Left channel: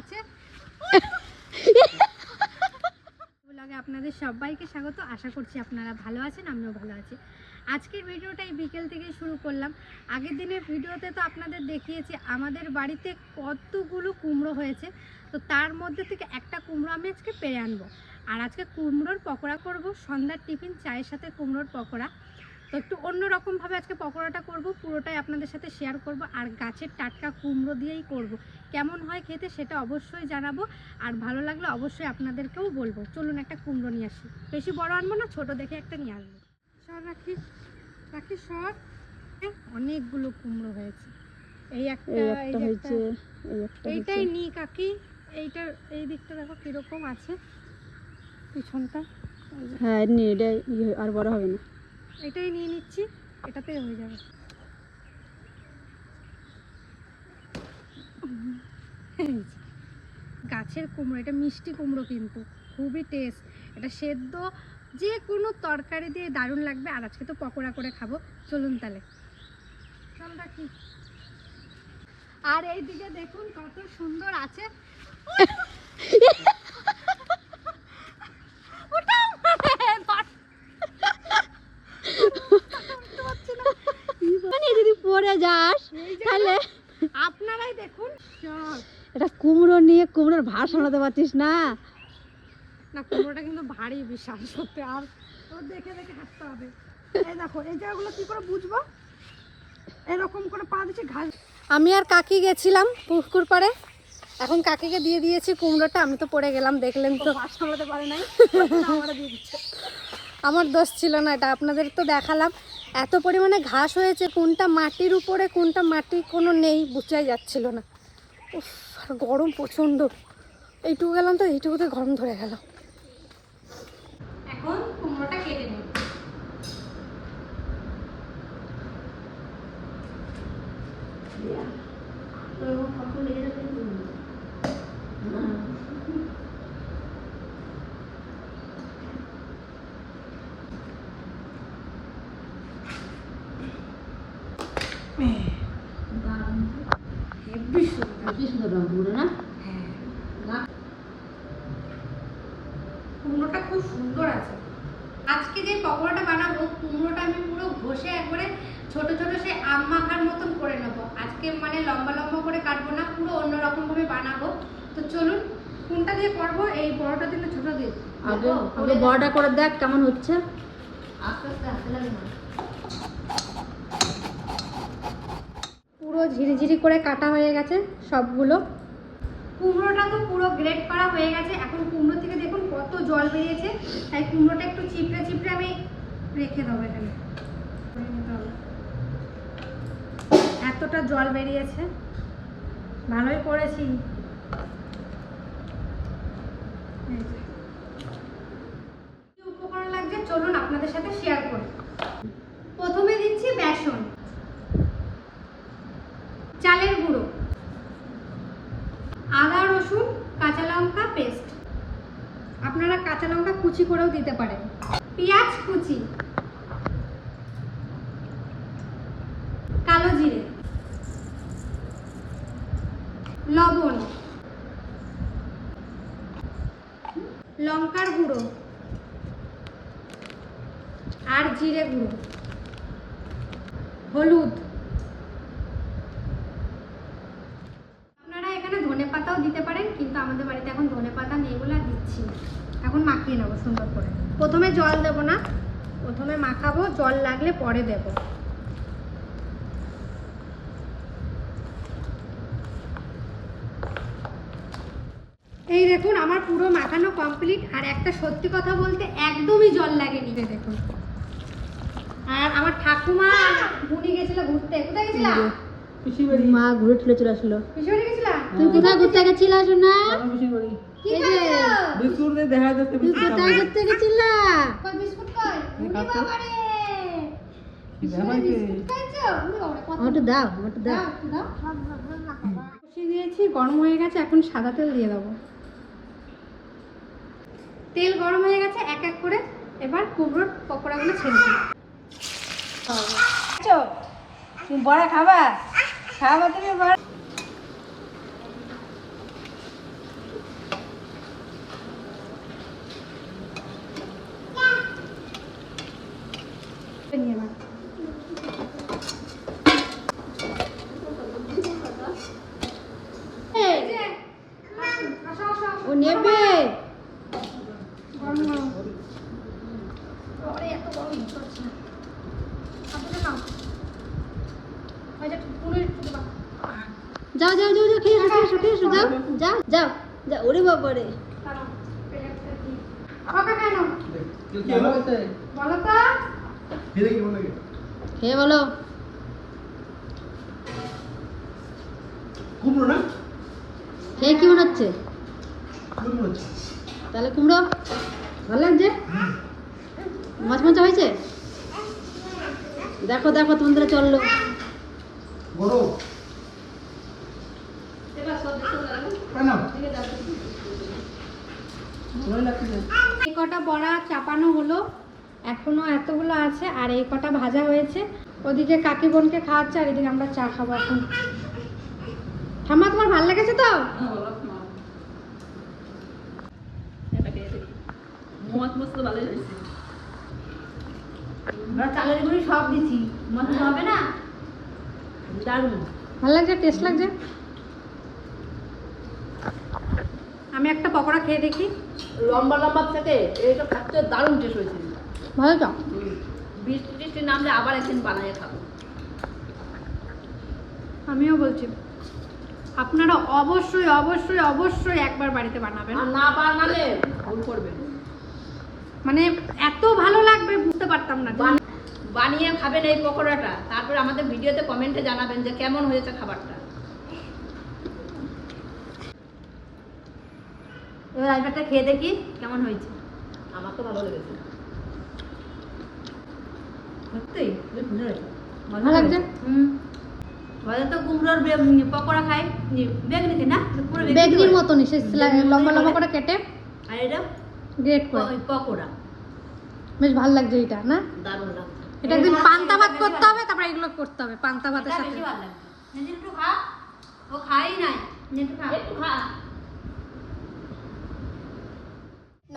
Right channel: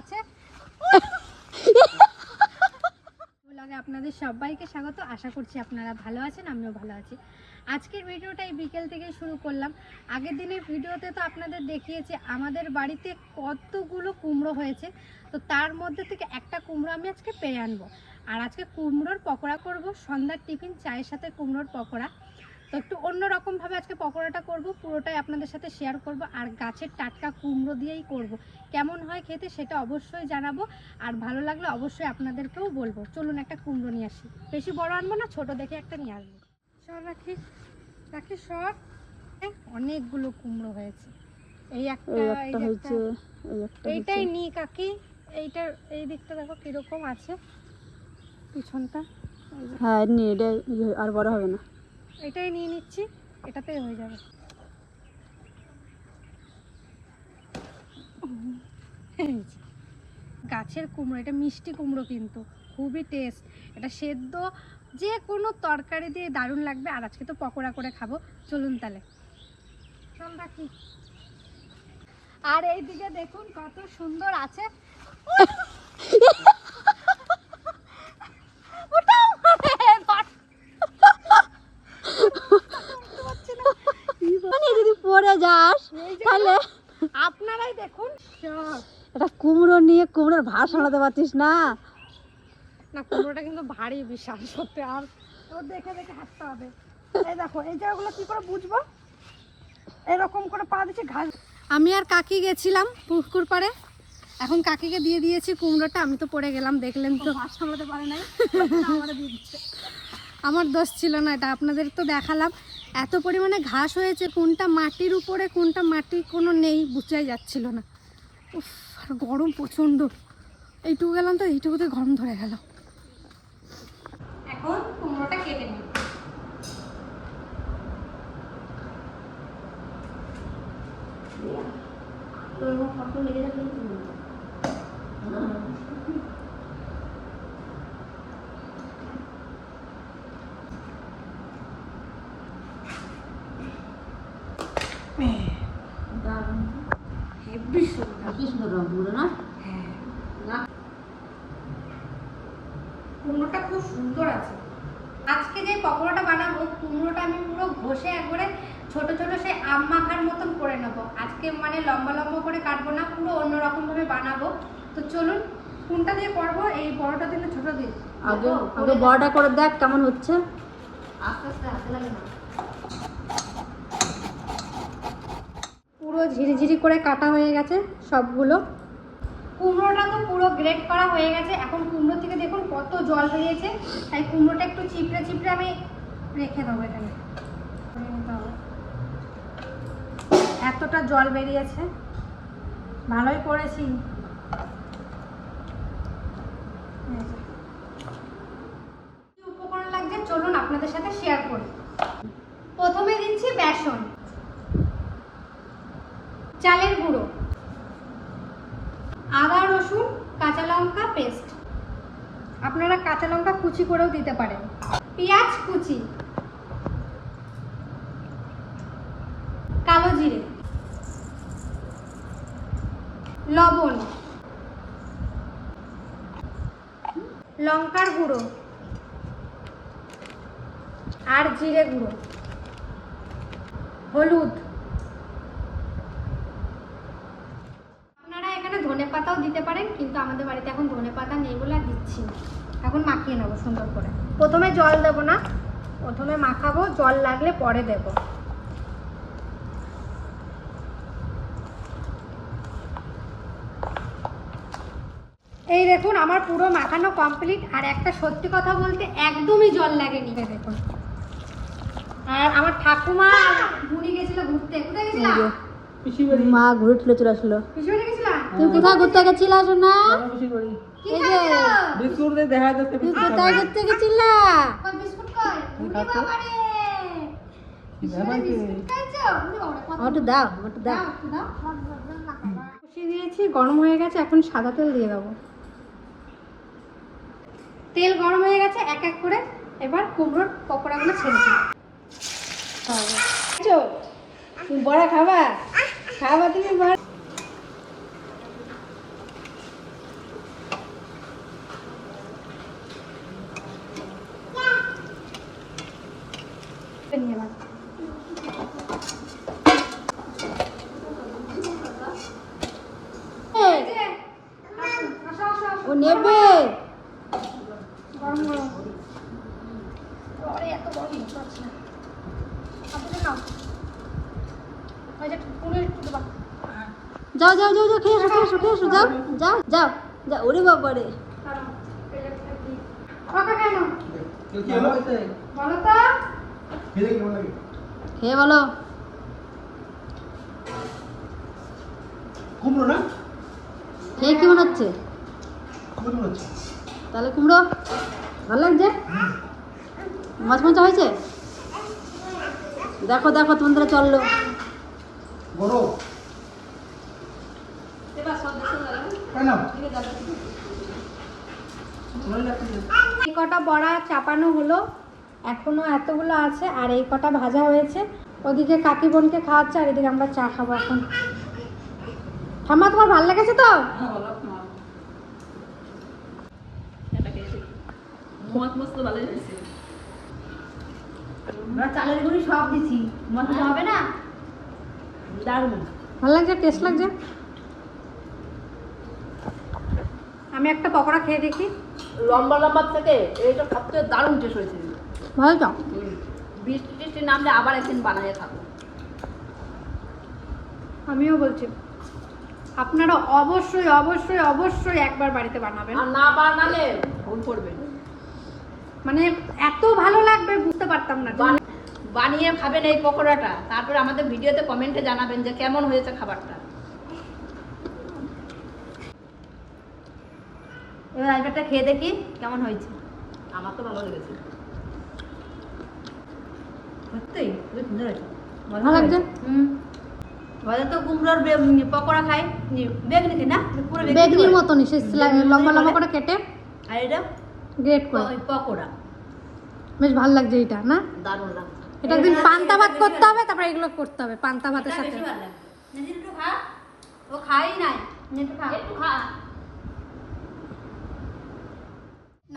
আছে। ব্লগে আপনাদের সবাইকে স্বাগত। আশা করছি আপনারা ভালো আছেন, আমিও ভালো আছি। আজকের ভিডিওটা এই বিকেল থেকে শুরু করলাম। আগের দিনের ভিডিওতে তো আপনাদের দেখিয়েছি আমাদের বাড়িতে কতগুলো কুমড়ো হয়েছে, তো তার মধ্যে থেকে একটা কুমড়ো আমি আজকে পেরে আনবো। আর আজকে কুমড়োর পকোড়া করব, সন্ধ্যার টিফিন চায়ের সাথে কুমড়োর পকোড়া। তো একটু অন্যরকমভাবে আজকে পকোড়াটা করব, পুরোটাই আপনাদের সাথে শেয়ার করব। আর গাছের টাটকা কুমড়ো দিয়েই করব, কেমন হয় খেতে সেটা অবশ্যই জানাবো। আর ভালো লাগলে অবশ্যই আপনাদেরকেও বলবো। চলুন একটা কুমড়ো নিয়ে আসি, বেশি বড় আনবো না, ছোট দেখে একটা নিয়ে আসবো। সর রাখি রাখি সর। অনেকগুলো কুমড়ো হয়েছে, এই একটা হয়েছে, এইটাই নি কাকি। এইটার এই দিকটা দেখো কিরকম আছে, পিছনটা। হ্যাঁ নি, এটা আর বড় হবে না, এটাই নিয়ে নিচ্ছি, এটাতেই হয়ে যাবে। গাছের কুমড়ো, এটা মিষ্টি কুমড়ো কিন্তু খুবই টেস্ট। এটা সেদ্ধ যে কোনো তরকারি দিয়ে দারুণ লাগবে। আর আজকে তো পকোড়া করে খাবো। চলুন তাহলে, চল রাখি। আর এইদিকে দেখুন কত সুন্দর আছে। যদি পড়ে যাস তাহলে আপনারাই দেখুন সব। এটা কুমড়ো নিয়ে কুমড়োর ভার সামলাতে পারছিস না। না, কুমড়োটা কিন্তু ভারী বিশাল সত্যি। আর ও দেখে দেখে হাঁটতে হবে। এই দেখো এই জায়গাগুলো কি করে বুঝবো, এরকম করে পা দিচ্ছি ঘাস। আমি আর কাকি গেছিলাম পুকুর পাড়ে, এখন কাকিকে দিয়ে দিয়েছি কুমড়োটা। আমি তো পড়ে গেলাম, দেখলেন তো, ভার সামলাতে পারে নাই, আমারে দিয়ে দিচ্ছে। আমার দোষ ছিল না, এটা আপনাদের তো দেখালাম। এত পরিমাণে ঘাস হয়েছে, কোনটা মাটির উপরে কোনটা মাটি কোনো নেই বুঝাই যাচ্ছিল না। উফ, আর গরম প্রচণ্ড। এইটুকু গেলাম তো এইটুকুতে গরম ধরে গেল। এখন কুমড়োটা কেটে নিই। কুমড়োটা খুব সুন্দর আছে। আজকে যে পকোড়াটা বানাবো, কুমড়োটা আমি পুরো ঘষে একবারে ছোট ছোট সেই আম মাখার মতন করে নেবো। আজকে মানে লম্বা লম্বা করে কাটবো না, পুরো অন্যরকম ভাবে বানাবো। তো চলুন, কোনটা দিয়ে করবো, এই বড়টা দিয়ে না ছোট দিয়ে? আগে আগে বড়টা করে দেখ কেমন হচ্ছে। আস্তে আস্তে হাতে লাগে না। পুরো ঝিরিঝিরি করে কাটা হয়ে গেছে সবগুলো। কুমড়োটা তো পুরো গ্রেট করা হয়ে গেছে। এখন কুমড়ো থেকে দেখুন কত জল বেরিয়েছে, তাই কুমড়োটা একটু চিপড়ে চিপড়ে আমি রেখে দেবো এখানে। এতটা জল বেরিয়েছে, ভালোই করেছি। কি উপকরণ লাগছে চলুন আপনাদের সাথে শেয়ার করি। প্রথমে দিচ্ছি বেসন, চালের গুঁড়ো, আদা রসুন কাঁচা লঙ্কা পেস্ট, আপনারা কাঁচা লঙ্কা কুচি করেও দিতে পারেন, পেঁয়াজ কুচি, কালো জিরে, লবণ, লঙ্কার গুঁড়ো আর জিরে গুঁড়ো, হলুদ। আপনারা এখানে ধনেপাতাও দিতে পারেন, কিন্তু আমাদের বাড়িতে এখন ধনেপাতা নেই বলে আর দিচ্ছি না। এখন মাখিয়ে নেবো সুন্দর করে। প্রথমে জল দেবো না, প্রথমে মাখাবো, জল লাগলে পরে দেব। এই দেখুন আমার পুরো মাখানো কমপ্লিট। আর একটা সত্যি কথা বলতে একদমই জল লাগেনি দেখুন। আর আমার ঠাকুমা ঘুরে গেছিল ঘুরতে। কোথায় গেছিলা? মা ঘুরে ঠেলে চলে আসলো। পিছনে গেছিলা? তুই কোথায় ঘুরতে গেছিলা সোনা? এই যে বিস্কুট দিয়ে দেখা যাচ্ছে। তুই কোথায় ঘুরতে গেছিলা? বিস্কুট কই? খাতো আমাকে দাও, আমাকে দাও। বসিয়ে দিয়েছি, গরম হয়ে গেছে। এখন সাদা তেল দিয়ে দেবো। তেল গরম হয়ে গেছে, এক এক করে এবার কুমড়োর পকোড়াগুলো ছেড়ে দিই। তুমি বড়া খাবা? খাবা তুমি বড়া? আসো যাও যাও যাও যাও ওরে বাবা রে ওকে কেন কি হলো বলো তো খেয়ে বলো কুমড়ো না খেয়ে কি মনে হচ্ছে কুমড়ো হচ্ছে তাহলে কুমড়ো ভালো লাগছে মাছ মাছ হয়েছে দেখো দেখো তোমাদের চললো বড় কেন এই কটা বড়া চাপানো হলো, এখনো এতগুলো আছে, আর এই কটা ভাজা হয়েছে। ওদিকে কাকি বোনকে খাওয়াচ্ছে আর এদিকে আমরা চা খাবো এখন। ঠাম্মা তোমার ভালো লেগেছে তো? চালের গুঁড়ি সব দিছি মশলা হবে না দারুণ ভালো লাগছে, টেস্ট লাগছে। আমি একটা পকোড়া খেয়ে দেখি। লম্বা লম্বা থেকে এইটা খাচ্ছে দারুণ টেস্ট হয়েছে ভালো তো? বৃষ্টি টিষ্টি নামলে আবার একদিন বানাইয়ে খাবো আমিও বলছি আপনারা অবশ্যই অবশ্যই অবশ্যই একবার বাড়িতে বানাবেন। আর না বানালে ভুল করবে মানে এত ভালো লাগবে বুঝতে পারতাম না। বানিয়ে খাবেন এই পকোড়াটা, তারপর আমাদের ভিডিওতে কমেন্টে জানাবেন যে কেমন হয়েছে খাবারটা। এবার আইবারটা খেয়ে দেখি কেমন হয়েছে। আমার তো ভালো লেগেছে সত্যি সুন্দর হয়েছে ভালো লাগছে। ঘরে তো কুমড়োর পকোড়া খাই বেগনি না পুরো বেগনির মতনই সে লম্বা লম্বা করে কেটে আর এটা গ্রেট করে পকোড়া বেশ ভালো লাগছে এটা না? দারুণ লাগছে। এটা একদিন পান্তা ভাত করতে হবে, তারপর এগুলো করতে হবে পান্তা ভাতের সাথে। বেশি ভালো লাগে নিজে একটু খা ও খাই নাই একটু খা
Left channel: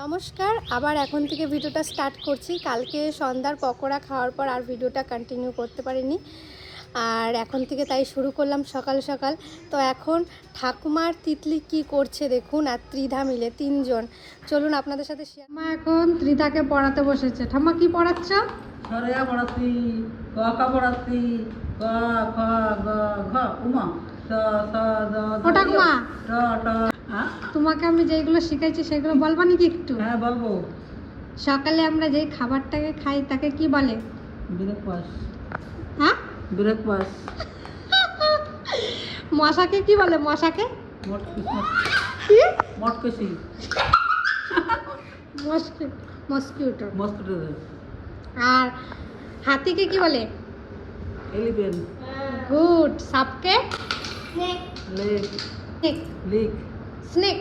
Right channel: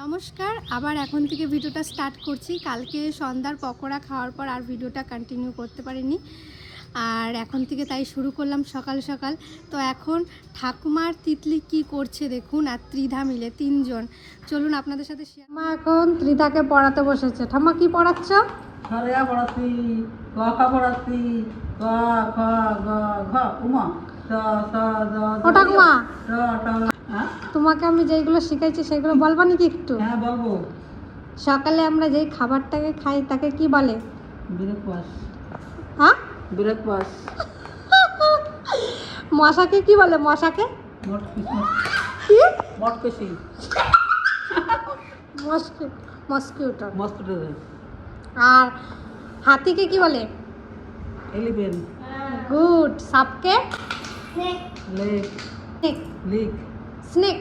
নমস্কার, আবার এখন থেকে ভিডিওটা স্টার্ট করছি। কালকে সন্ধ্যার পকোড়া খাওয়ার পর আর ভিডিওটা কন্টিনিউ করতে পারিনি, আর এখন থেকে তাই শুরু করলাম সকাল সকাল। তো এখন ঠাকুমার তিতলি কি করছে দেখুন, আর ত্রিধা মিলে তিনজন। চলুন আপনাদের সাথে শেয়ার। মা এখন ত্রিধাকে পড়াতে বসেছে। ঠাম্মা কি পড়াচ্ছ? সারেয়া পড়াচ্ছি ক খ পড়াচ্ছি ক খ গ ঘ উমা স স জ ও ঠাকুমা, ট ট হ্যাঁ তোমাকে আমি যেগুলো শিখাইছি সেগুলো বলবা নাকি একটু? হ্যাঁ বলবো সকালে আমরা যেই খাবারটাকে খাই তাকে কি বলে? ব্রেকফাস্ট হ্যাঁ, ব্রেকফাস্ট মশাকে কি বলে? মশাকে মোট কিসমত কি? মোট কষি মস্কিউটো। মস্কিটো আর হাতিকে কি বলে? Elephant good. সাপকে? লেক স্নেক। লিক স্নেক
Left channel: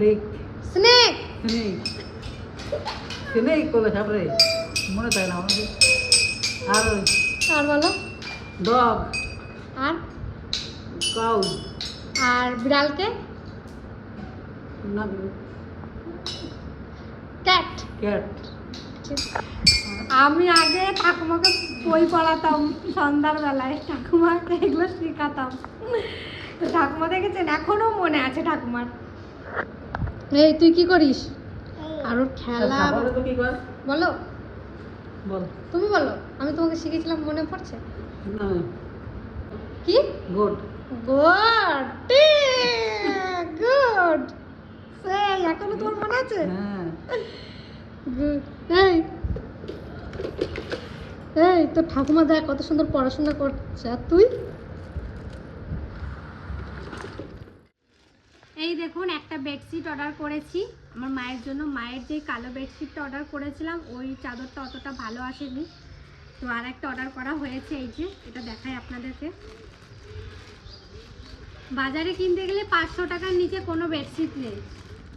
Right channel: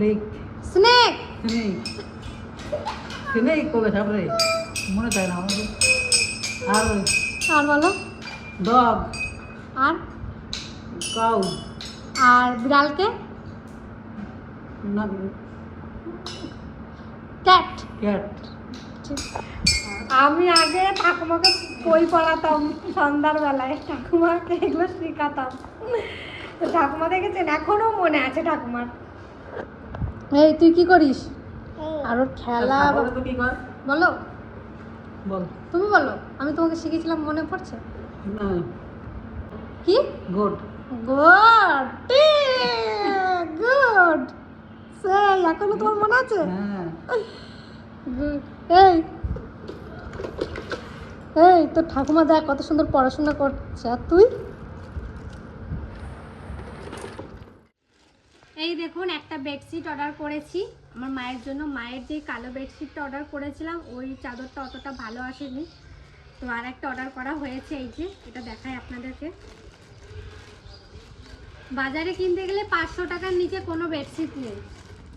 লিক স্নেক স্নেক স্নেক কোলে সাপরে মনে থাকে না আমাদের আর আর বলো। ডগ আর কাউ আর বিড়ালকে? না ক্যাট। ক্যাট আমি আগে ঠাকুমাকে বই পড়াতাম সন্ধ্যার বেলায়, ঠাকুমাকে এগুলো শেখাতাম। তো ঠাকুমা দেখেছেন, এখনো মনে আছে ঠাকুমার। এই তুই কি করিস? আর ওর খেলা কি কর বলো, বল তুমি বলো। আমি তোমাকে শিখেছিলাম, মনে পড়ছে? না কি? Good good good. সেই এখনো তোমার মনে আছে? হ্যাঁ Good. এই এই তো ঠাকুমা দেখ কত সুন্দর পড়াশোনা করছে, আর তুই? এই দেখুন একটা বেডশিট অর্ডার করেছি আমার মায়ের জন্য। মায়ের যে কালো বেডশিটটা অর্ডার করেছিলাম ওই চাদরটা অতটা ভালো আসেনি, তো আর একটা অর্ডার করা হয়েছে। এই যে এটা দেখাই আপনাদেরকে। বাজারে কিনতে গেলে 500 টাকার নিচে কোনো বেডশিট নেই,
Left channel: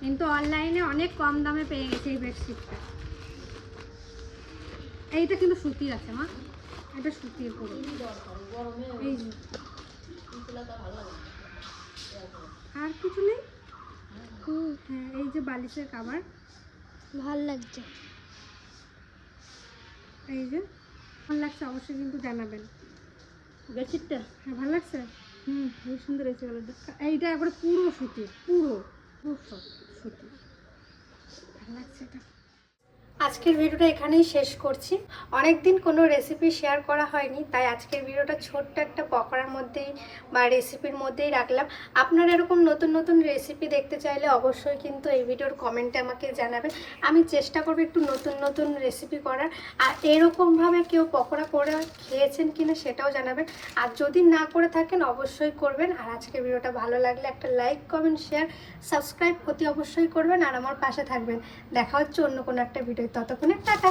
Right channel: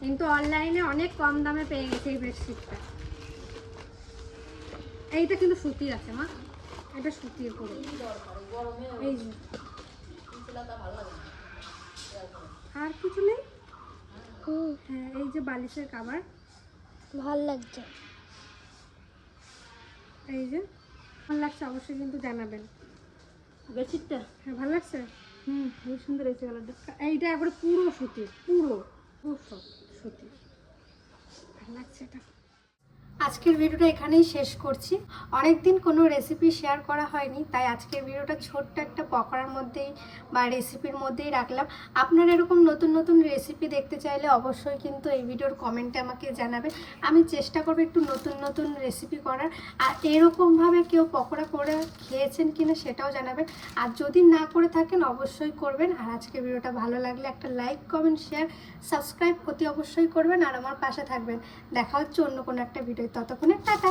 কিন্তু অনলাইনে অনেক কম দামে পেয়ে গেছে এই বেডশিটটা। এইটা কিন্তু সুতির আছে মা, এটা সুতির পুরো। এই যে আর কিছু নেই। হ্যাঁ এই যে বালিশের কভার ভাল লাগছে। এই যে ভালো লাগছে অবশ্যই কিন্তু জানাবেন। বেডশিটটা হ্যাঁ ভালো লাগছে। খুবই সুন্দর হয়েছে কালারটা। এইটা একবারে পুরো সুতির, পুরো পুরো সুতির, ভালো লাগছে এটা। আজকের ভিডিওটা এখানেই শেষ করছি। অনেক দিন কোনো রেসিপি শেয়ার করা হয়নি, তাই আজকের ভিডিওটা ছোট্ট একটা পকোড়ার মধ্যেই বা রেসিপির মধ্যেই রাখলাম। আপনারা এরকম নতুন নতুন রেসিপি দেখতে চাইলে অবশ্যই কিন্তু এই ভিডিওর কমেন্টে আমাকে জানাবেন। আমি চেষ্টা করবো একটু নতুন নতুন রেসিপি করার। আর এরকমভাবে কেউ পকোড়া করে খেয়েছেন কিনা সেটাও জানাবেন। আর যদি না করে থাকেন অবশ্যই করবেন। আর আজকের ভিডিওটা ভালো লাগলে একটা লাইক, কমেন্ট, শেয়ার, সাবস্ক্রাইব অতি অবশ্যই করবেন আর আমার পাশে থাকবেন। দেখা হচ্ছে অন্য কোনো একটা ভিডিও। ততক্ষণে টাটা।